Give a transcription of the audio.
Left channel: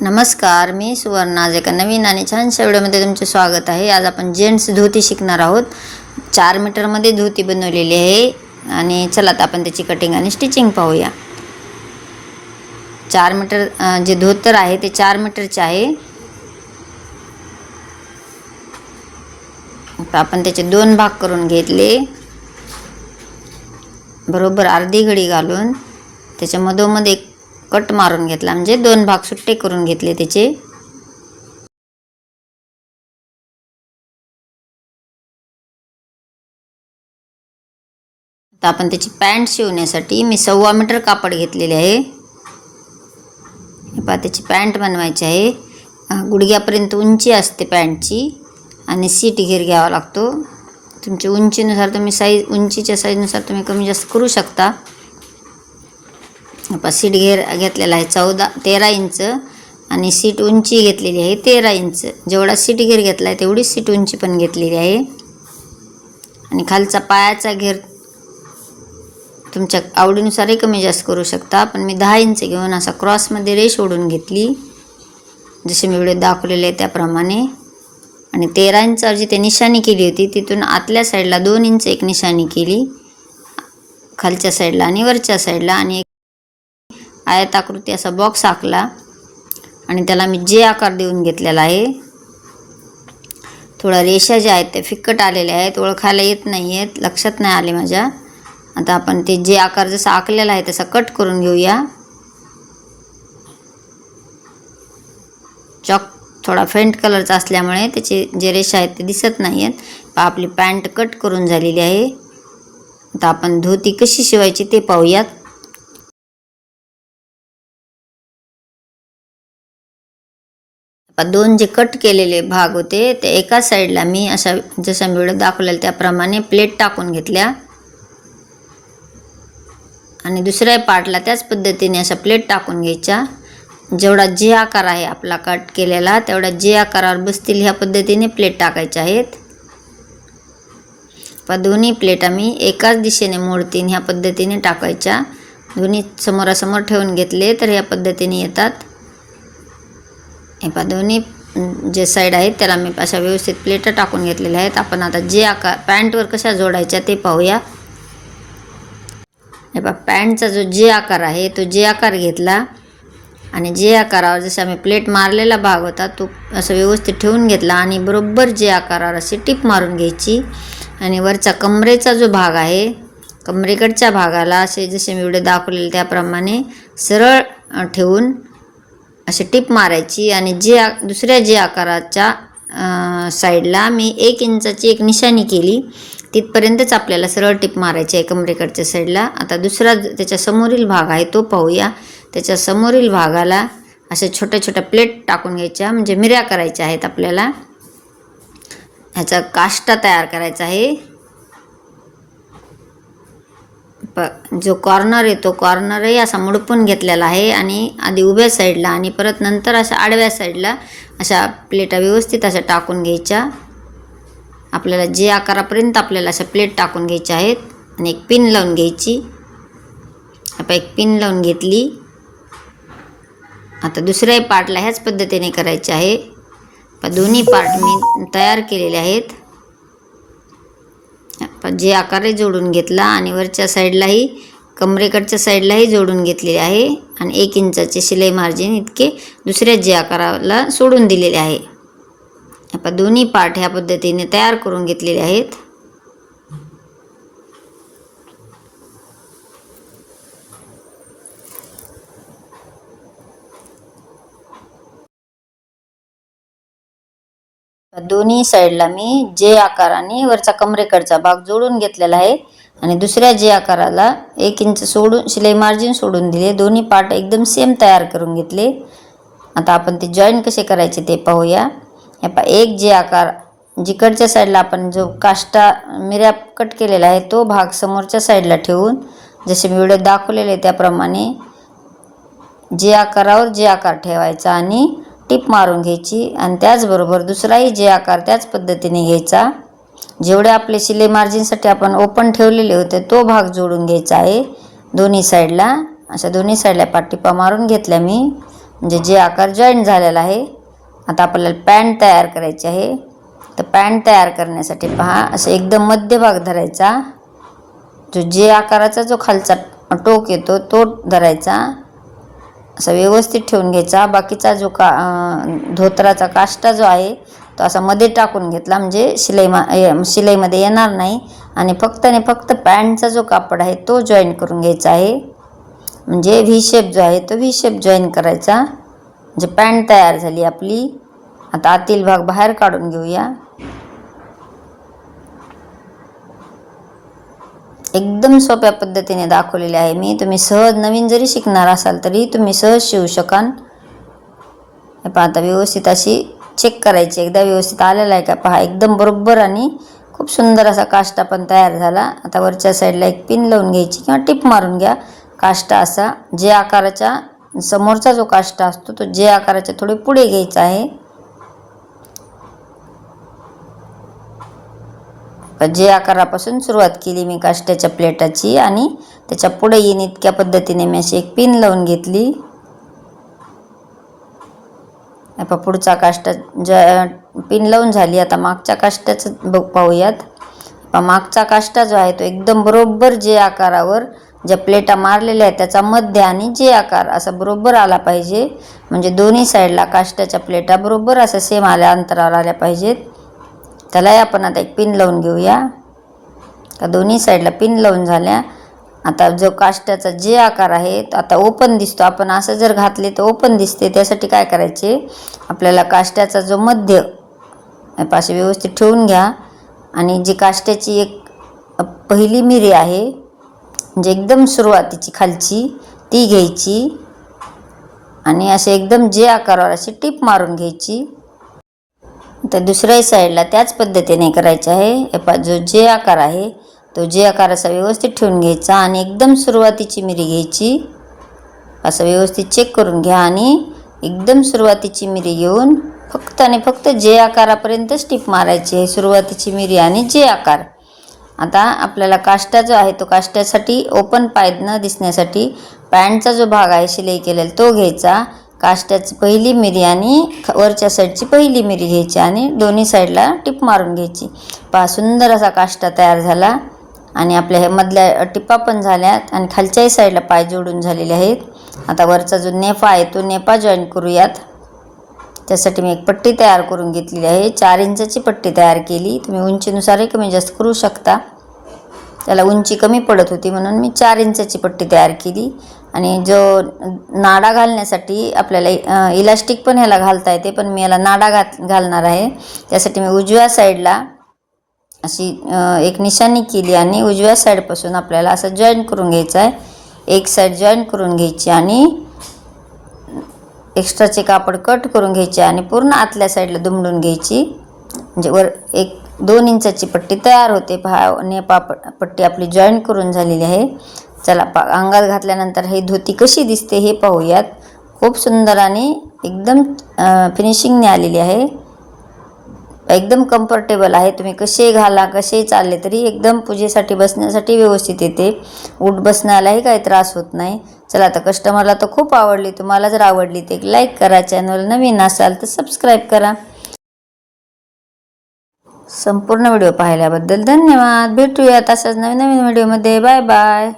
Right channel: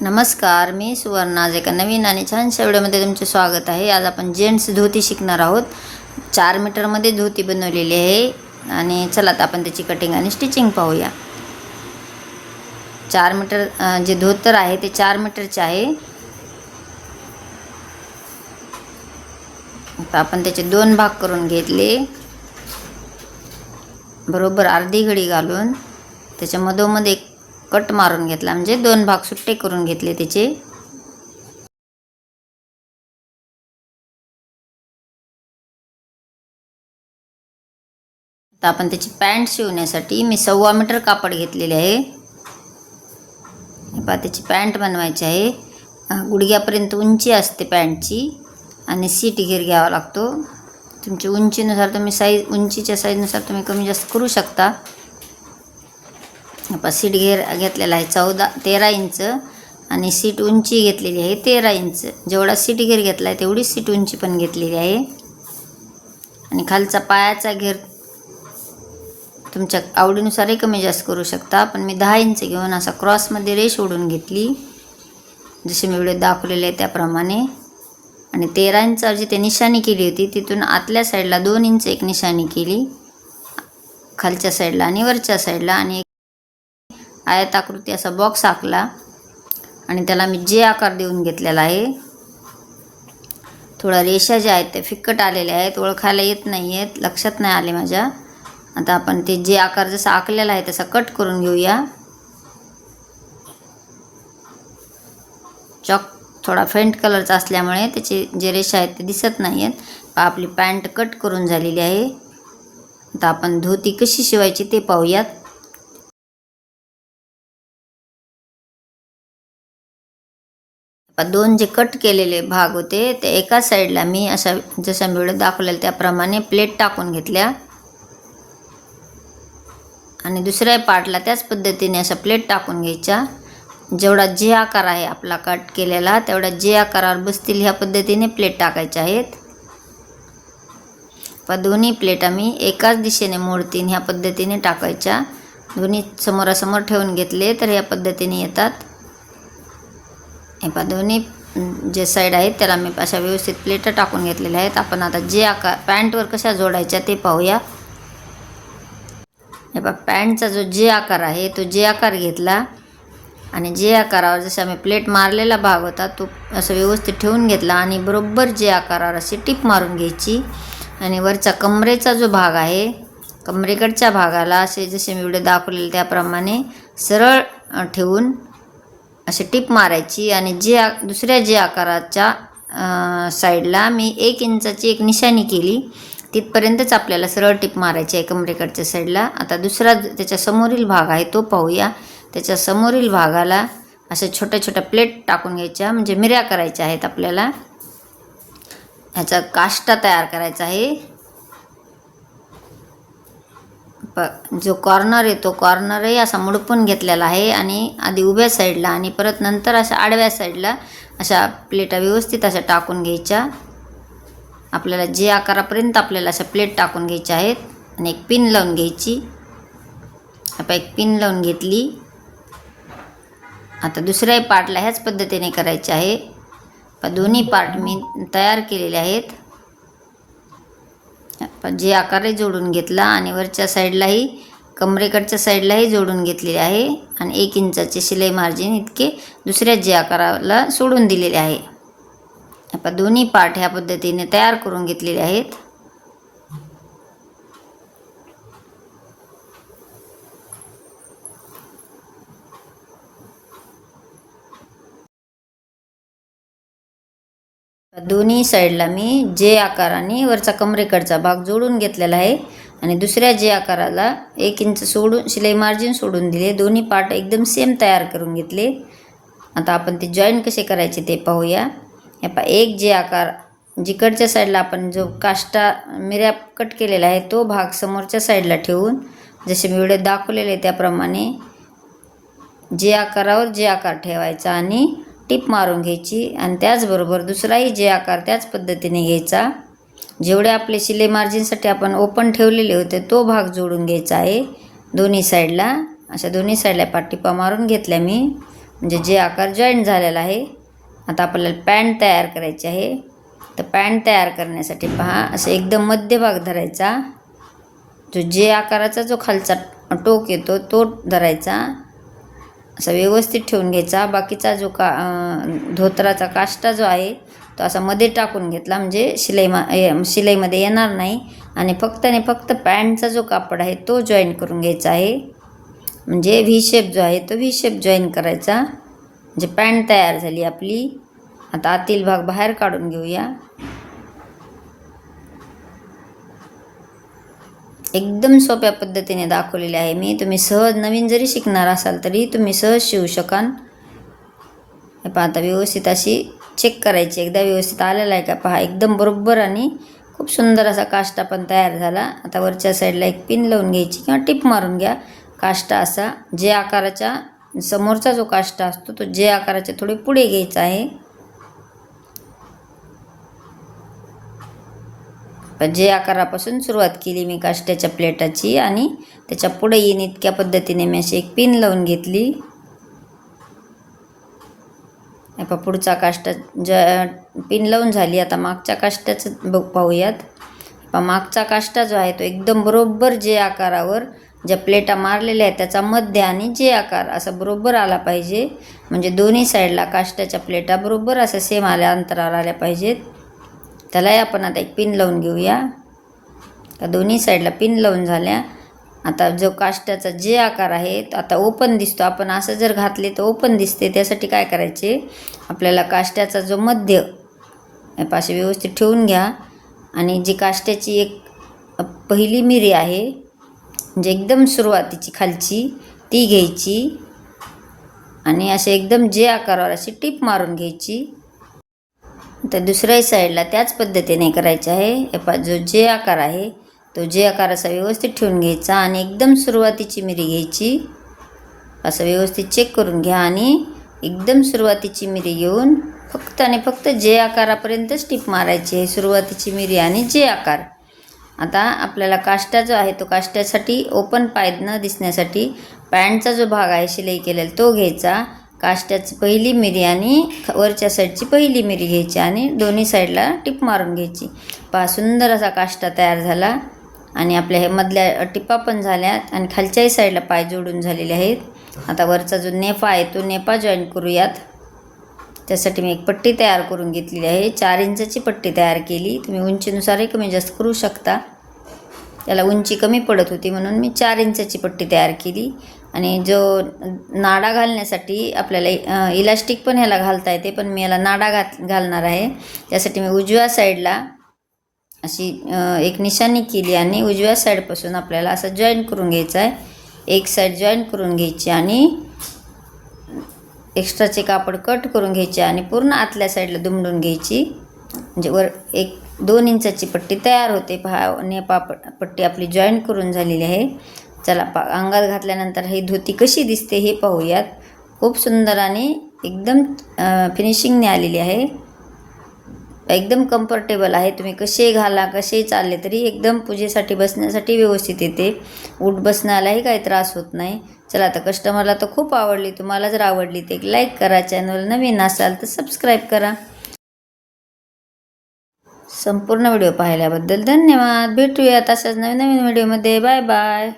नमस्कार मी सुवर्णा आज एका नवीन आणि छानशा व्हिडिओमध्ये तुमचे स्वागत आहे. आज आपण जेंट्स धोती शिकणार आहोत. चार मीटरमध्ये धोती बनवलेली आहे आणि चला आता आपण त्याची कटिंग आणि स्टिचिंग पाहूया. चार मीटर जे धोतर आहे ते चार मीटरचे आहे. आपण त्याचे दोन भाग करून घेतले. बरोबर अर्धी घडी घालून त्याच्या मधोमध एक कट मारून घेतला. म्हणजे दोन भाग सुट्टे करून घेतले त्याचे. आता आपण त्याची पॅन्ट शिवण्यासाठी मी सव्वा मीटर कापड घेतलेले आहे. पहा त्याची पॅन्ट बनवायची आहे. गुडघ्यापर्यंत उंची असते पॅन्टची आणि सीट घेर घ्यावा लागतो. तुमच्या उंचीनुसार तुम्ही साईज उंचीच्या साईजनुसार तुम्ही कमी जास्त करू शकता. पा सीट घेर घेतलेला आहे चौदा तेरा इंच आणि सीट उंची घेतलेली आहे तेरा इंच. जेवढा सीट घेर घेतला आहे तेवढीच सीट उंची पण घेतलेली आहे. आणि खालचा पायाचा घेर तुमच्या आवडीनुसारही कमी जास्त करू शकता. पण मी दहा इंच घेऊन असा क्रॉसमध्ये रेष ओढून घेतली. जसे मी व्हिडिओ दाखवलेले आहे त्याप्रमाणे. आणि तेरा इंचावर जी ते निशाणी केली होती तिथून आतल्या साईडला दोन इंच एक निशाणी केली. खालच्या साईडला आणि वरच्या साईडला आणि एक आयताकृती असा बॉक्स आखला. आणि त्याला मी जे आकार देऊन घेतलेला आहे थोडा रेषा ज्या आहेत ते फिक्कट आलेल्या आहेत ओळखायला येत नाही आहेत लक्षात नाही आले माझ्या. आता आपण ते जे आकार जसा आखलेला आहे तसा कट करून घेऊया. चॉक थोडा फेंट कलरचा असल्यामुळे त्याचे जे रेषा आहेत ते दिसत नाही आहेत आपली पॅन्ट कट करून झालेली आहे. आता आपण धोती कशी शिवायची ते पाहूयात. दोन जे कट केलेले भाग होते ते एका साईडला मी अशा जशा मी व्हिडिओ दाखवलेला त्याप्रमाणे प्लेट टाकून घेतल्या. आणि दुसऱ्या पार्टला त्याच पद्धतीने अशा प्लेट टाकून घ्यायच्या. जेवढा जे आकार आहे आपला कट केलेला तेवढा जे आकारावर बसतील ह्या पद्धतीने प्लेट टाकायच्या आहेत. पण दोन्ही प्लेट आम्ही एकाच दिशेने मोडतीन ह्या पद्धतीने टाकायच्या. दोन्ही समोरासमोर ठेवून घेतले तर ह्या पद्धतीने येतात. हे पहा दोन्ही जे साईड आहेत त्याला मी अशा व्यवस्थित प्लेटं टाकून घेतलेल्या आहेत. आपण आता जे आकार पॅन्टवर कशा जोडायच्या ते पाहूया. हे पहा पॅन्टचा जो जे आकार आहे तो जे आकार घेतला. आणि जे आकारावर जसं आम्ही प्लेट मारलेला भाग होता तो असं व्यवस्थित ठेवून घेतला आणि बरोबर जे आकारावर अशी टिप मारून घ्यायची. आणि वरचा कमरेचा जो भाग आहे कमरेकडच्या भागाला असे जसे मी एवढे दाखवलेले त्याप्रमाणे सरळ ठेवून अशी टिप मारायची आणि जे आ दुसऱ्या जे आकाराच्या साईडला मी एक इंचाची एक निशाणी केली तिथपर्यंतच आपल्याला सरळ टिप मारायची आहे कमरेकडच्या साईडला आता दुसरा ज- त्याच्या समोरील भाग आहे तो पाहूया. त्याच्या समोरील भागाला अशा छोट्या छोट्या प्लेट टाकून घ्यायच्या म्हणजे मिऱ्या करायच्या आहेत आपल्याला. ह्याचा काष्टा तयार करायचा आहे प जो कॉर्नर आहे तो कॉर्नरही असा मुडपून घेतलेला आहे आणि आधी उभ्या साईडला आणि परत नंतर अशा आडव्या साईडला अशा प्लेटा व्यवस्थित अशा टाकून घ्यायच्या. आपल्याला जे आकारापर्यंत आपल्याला अशा प्लेट टाकून घ्यायच्या आहेत आणि एक पिन लावून घ्यायची. आपण एक पिन लावून घेतली. आता दुसऱ्याही पार्टला ह्याच पद्धतीने करायचे आहे. दोन्ही पार्ट मी तयार केलेले आहेत. जे आकारही जोडून घेतला आणि वरच्या साईडलाही कमरेकडच्या साईडलाही जोडून घेतलेले आहे. आणि एक इंचाचे शिलाई मार्जिन इतके दुसऱ्या जे आकाराला सोडून दिलेले आहे. आपण दोन्ही पार्ट ह्या पद्धतीने तयार करून घेतलेले आहेत. दोन्ही साईडला मी जे आकाराने वरचा कमरेकडचा भाग जोडून घेतलेला आहे. आणि दुसऱ्या जे आकाराला एक इंच सोडून शिलाई मार्जिन सोडून दिले. दोन्ही पार्ट एकदम सेम तयार करून घेतले. आता आपण ते जॉईन कसे करायचे ते पाहूया. या पा एक जे आकार जिकडच्या साईडला आपण जो काष्टा मिऱ्या कट केलेला आहे तो भाग समोरच्या साईडला ठेवून जसे मी व्हिडिओ दाखवलेले त्याप्रमाणे जे आकारावर जे आकार ठेवायचा आणि टिप मारून घ्यायची आणि त्याचबरोबर दुसराही जे आकार त्याच पद्धतीने घ्यायचा. जेवढे आपले शिले मार्जिनसाठी आपण ओपन ठेवलेले होते तो भाग जोडून घ्यायचा आहे. दोन्ही साईडला अशा दोन्ही साईडला पाठटिपा मारून घेतल्या मी. म्हणजे जे आकार जॉईंट झालेला आहे आता आपल्याला पॅन्ट तयार करायची आहे. तर पॅन्ट तयार करण्यासाठी पहा असं एकदम मध्यभाग धरायचा. जो जे आकाराचा जो खालचा टोक येतो तो धरायचा. असा व्यवस्थित ठेवून घ्यायचा. बाकीचा जो का धोतराचा धोत्राचा काष्टा जो आहे तो असा मध्ये टाकून घेतला. म्हणजे शिलाई मा शिलाईमध्ये येणार नाही. आणि फक्त आणि फक्त पॅन्टचा जो कापड आहे तो जॉईन करून घ्यायचा आहे. म्हणजे व्ही शेप जो आहे तो व्ही शेप जॉईन करायचा. म्हणजे पॅन्ट तयार झाली आपली. आता आतील भाग बाहेर काढून घेऊया. एकदम सोप्या पद्धतीने दाखवलेले आहे मी. तुम्ही सहज नवीन जरी शिकणार असाल तरी तुम्ही सहज शिवू शकाल. पहा आता व्यवस्थित अशी चेक करायची. एकदा व्यवस्थित आलेला आहे का? पहा एकदम बरोबर आणि खूप सुंदर असा काष्टा पण तयार झाला. आता वरच्या साईडला एक पिन लावून घ्यायची किंवा टिप मारून घ्या. काष्टा असा जे आकाराच्या समोरचा जो काष्टा असतो तो जे आकाराच्या थोडे पुढे घ्यायचा आहे. जे आकारापासून सुरुवात केली मी काष्ट्याच्या प्लेटाची आणि त्याच्या पुढे येईन इतक्या पद्धतीने मी अशी एक पिन लावून घेतली. आता पुढचा काष्टा ज पिन लावून झाली आता मागच्या काष्ट्याचं बघ पाहूयात. मागचा काष्टा जो आहे तो एकदम बरोबर जे आकारावर ज्या प्लेटा मारलेल्या आहेत त्याचा मध्य आणि जे आकार असा बरोबर आला पाहिजे. म्हणजे दोन्ही साईडला काष्ट्याच्या प्लेटा बरोबर असा सेम आल्या अंतरावर आल्या पाहिजेत. त्यालाही आपण आता एक पिन लावून घेऊया. का दोन्ही साईडला पिन लावून झाल्या. आता जो काष्टाचा जे आकार आहे तो आता ओपन दिसतो. आपण असं जर घातले तर ओपन दिसते. त्यासाठी काय करायचे? आपल्याला काष्ट्याचा जो मध्य पाशी व्यवस्थित ठेवून घ्या. आणि जी काष्ट्याची एक पहिली मिरी आहे म्हणजे एकदम सुरुवातीची खालची ती घ्यायची. आणि असे एकदम जे आकारावर अशी टीप मारून घ्यायची. तर दुसऱ्याही साईडला त्याच पद्धतीने करायचे आहे. एपा जो जे आकार आहे तो जे आकार असा व्यवस्थित ठेवून घ्यायचा आणि एकदम सुरुवातीची मिरी घ्यायची. असं व्यवस्थित चेक करून घ्या आणि एकदम सुरुवातीची मिरी घेऊन फक्त आणि फक्त जे आकारापर्यंतच स्टिप मारायची आहे सुरुवातीची मिरी आणि जे आकार. आता आपल्याला काष्टा जो आहे तो काष्ट्यासाठी ओपन पाय न दिसण्यासाठी पॅन्टचा जो भाग आहे शिलाई केलेला तो घ्यायचा. काष्ट्याची पहिली मिरी आणि वरच्या साईडची पहिली मिरी घ्यायची आणि दोन्ही साईडला टिप मारून घ्यायची. पहा सुंदर असा काष्टा तयार झाला. आणि आपल्या हे मधल्या टिपा पण झाल्यात आणि खालच्याही साईडला पाय जोडून झालेले आहेत. आता वरचा जो नेफा आहे तो नेफा जॉईन करूयात. त्यासाठी मी एक पट्टी तयार करून घेतलेली आहे. चार इंचाची पट्टी तयार केली. तुम्ही उंचीनुसारही कमी जास्त करू शकता. त्याला उंची कमी पडत होती म्हणून मी चार इंचाची पट्टी तयार केली. आणि जो नाडा घालण्यासाठी आपल्याला इलास्टिक पण ह्याला घालता येते पण मी याला नाडा घात घालणार आहे. त्यासाठी मी उजव्या साईडला अशी एक निशाणी केली आणि उजव्या साईडपासून आपल्याला असं जॉईन करून घ्यायचं आहे. एक साईड जॉईन करून घ्यायची आणि एक्स्ट्राचे कापड कट करून घ्यायचे आणि पूर्ण आतल्या साईडला दुमडून घ्यायची. म्हणजे वर एक दोन इंचाची पट्टी तयार होते. पहा आणि पापड पट्टी आपली जॉईन करून झालेली आहे. चला पा अंगात घातल्यानंतर ही धोती कशी दिसते हे पाहूयात. खूप सुंदर आणि एकदम फिनिशिंगने आलेली आहे. एकदम कम्फर्टेबल आहे. तुम्ही कसे घाला कसे चालले तरी एकदम पूजेसाठी बसण्यासाठी व्यवस्थित येते. उठ बसण्यालाही काही त्रास होत नाही. चला आता कस्टमरला तर खूप आवडली. तुम्हाला जर आवडली तर एक लाईक करा. चॅनल नवीन असाल तर सबस्क्राईब करा. संपूर्ण व्हिडिओ पाहिल्याबद्दल धन्यवाद. भेटूयात असाच नवीन नवीन व्हिडिओमध्ये. Bye bye.